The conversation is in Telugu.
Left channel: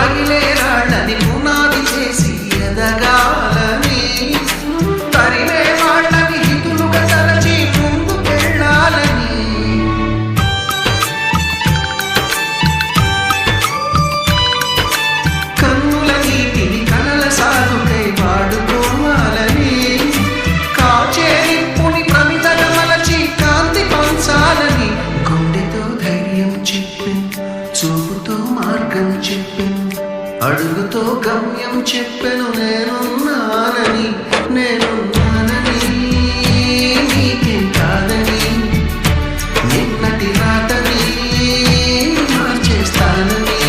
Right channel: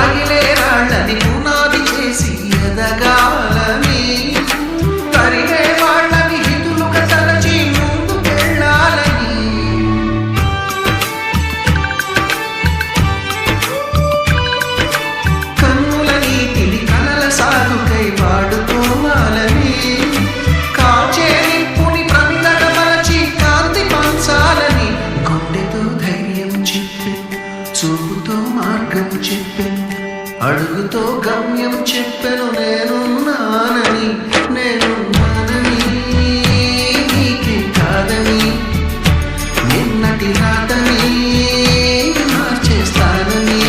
తగిలే రాళ్ళని పునాది చేసి ఎదగాలని, తరిమే వాళ్ళని హితులుగా తలచి ముందుకెళ్ళాలని, కన్నుల నీటిని కలల సాగుకై వాడుకోవాలని, కాచే నిప్పుని ప్రమిదగా మలచి కాంతి పంచాలని, గుండెతో ధైర్యం చెప్పెను, చూపుతో మార్గం చెప్పెను, అడుగుతో గమ్యం చెప్పెను, నేనున్నానని నీకేం కాదని, నిన్నటి రాతని మార్చేస్తానని.